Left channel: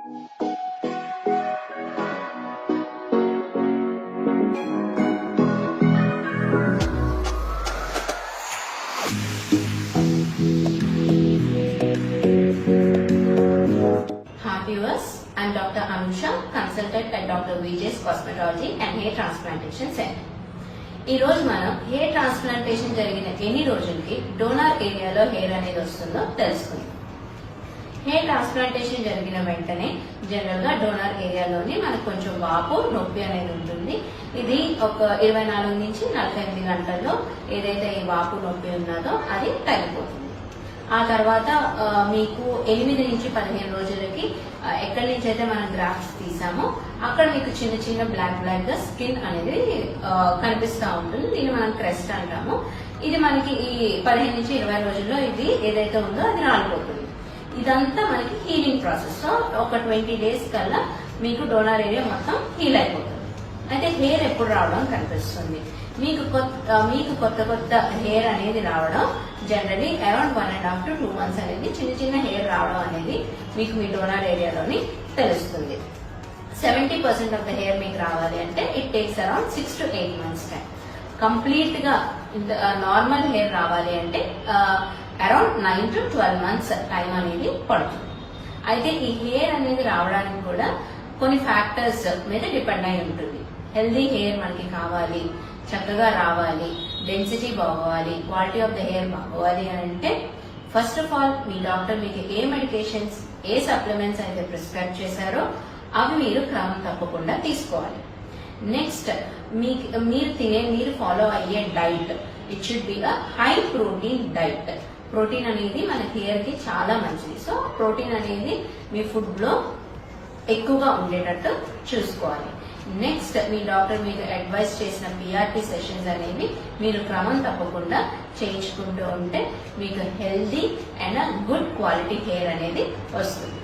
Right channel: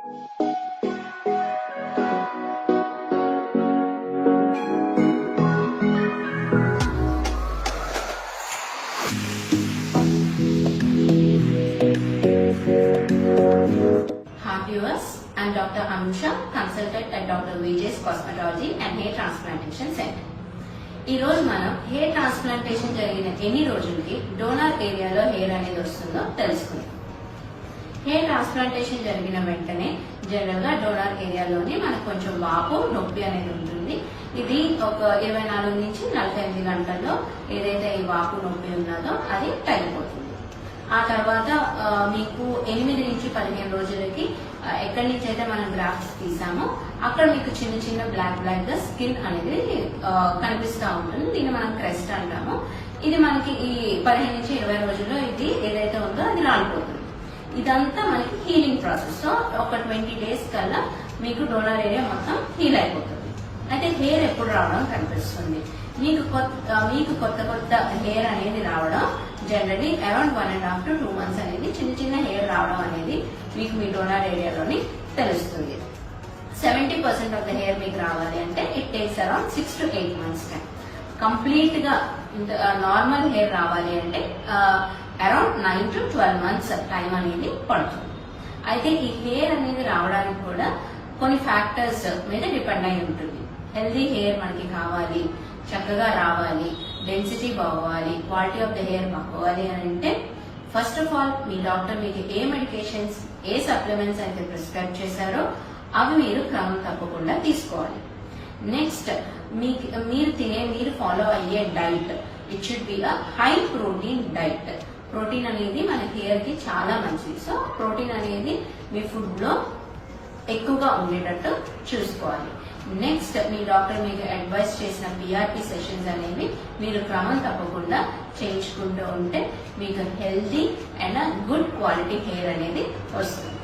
Viewers, I am Dr. Anusha, consultant at Dr. Vijay's Cosmetology and Hair Transplantation Center. ఈ రోజు మనం hair transplantation జరిగిన ఎన్ని రోజులకి డోనర్ ఏరియాలో హెయిర్ అనేది వస్తుందో తెలుసుకుందాం. హెయిర్ ట్రాన్స్ప్లాంటేషన్ జరిగిన వెంటనే జనరల్ గా డోనర్ ఏరియాలోని మనకు కొంచెం వాపు నొప్పి అనేది ఉంటుంది. ఇది ఒక 24 నుంచి 48 గంటల్లో ఏదైతే ఈ వాపు నొప్పి ఉన్నదో అది తగ్గిపోతుంది. ఆ తర్వాత మీకు 8 నుంచి 15 రోజులకి ఎక్కడి నుంచి అయితే మనం గ్రాఫ్ట్స్ తీసామో అక్కడ మీకు చిన్న చిన్న బ్లాక్ గా స్కిన్ అనేది కనిపిస్తూ ఉంటుంది. దీన్ని మనం క్రెస్ట్ అంటాము. ఇది మనకి ఈ 15 నుంచి 20 రోజుల్లో ఇది ఏదైతే ఉందో అది రాలిపోతుంది. ఇదంతా మనకి హీలింగ్ ప్రాసెస్. సో ఒక 20 డేస్ కల్లా మీకు డోనర్ ఏరియా మొత్తం హీల్ అయిపోతుంది. అయితే హెయిర్ ఎప్పుడు రావడం కనిపిస్తుంది? మీకు కొత్త హెయిర్ అనేది రావడం జనరలీ అరౌండ్ 1.5 to 2 months అనేది చిన్న చిన్న హెయిర్ రావడం అనేది మీకు మీ డోనర్ ఏరియాలోని తెలుస్తుంది. 70% ఆఫ్ ద హెయిర్ మీకు రావాలి అంటే it takes around 6 to 8 months time. Complete గా నార్మల్ హెయిర్ రావాలి అంటే అరౌండ్ 9 to 12 months టైం అనేది పడుతుంది. అయితే ఈ హెయిర్ అనేది రావడానికి కూడా కొన్ని ఫ్యాక్టర్స్ మీద డిపెండ్ అయి ఉంటుంది. హెల్దీ హెయిర్ మనకి కావాలి, చక్కగా రావాలి, డెన్సిటీ బాగోవాలి, క్వాలిటీ ఆఫ్ ద హెయిర్ బాగోవాలి అని అంటే ఫస్ట్ ఆఫ్ ఆల్ మీ డాక్టర్ మీకు ఏ మెడికేషన్స్, ఏ సప్లిమెంట్స్ అయితే ప్రిస్క్రైబ్ చేశారో అవి మీరు క్రమం తప్పకుండా తీసుకోవాలి. నెక్స్ట్ మీరు ఫాలో అయ్యే diet, it should be a high protein diet. Protein అనేది మన హెయిర్ కి చాలా మంచిది. సో ప్రోటీన్ అనేది మీ ఫుడ్ లో ఎక్కువగా ఉండేటట్టు చూసుకోవాలి. నెక్స్ట్ మీ డాక్టర్ మీకు అడ్వైస్ చేసిన పిఆర్పి సెషన్స్ అనేవి మీరు క్రమం తప్పకుండా చేయించుకుంటూ ఉంటే మీకు healthy and good quality hair అనేది వస్తుంది.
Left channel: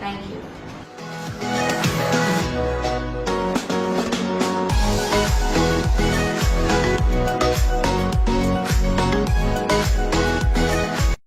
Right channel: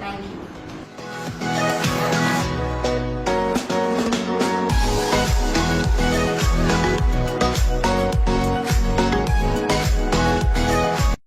Thank you.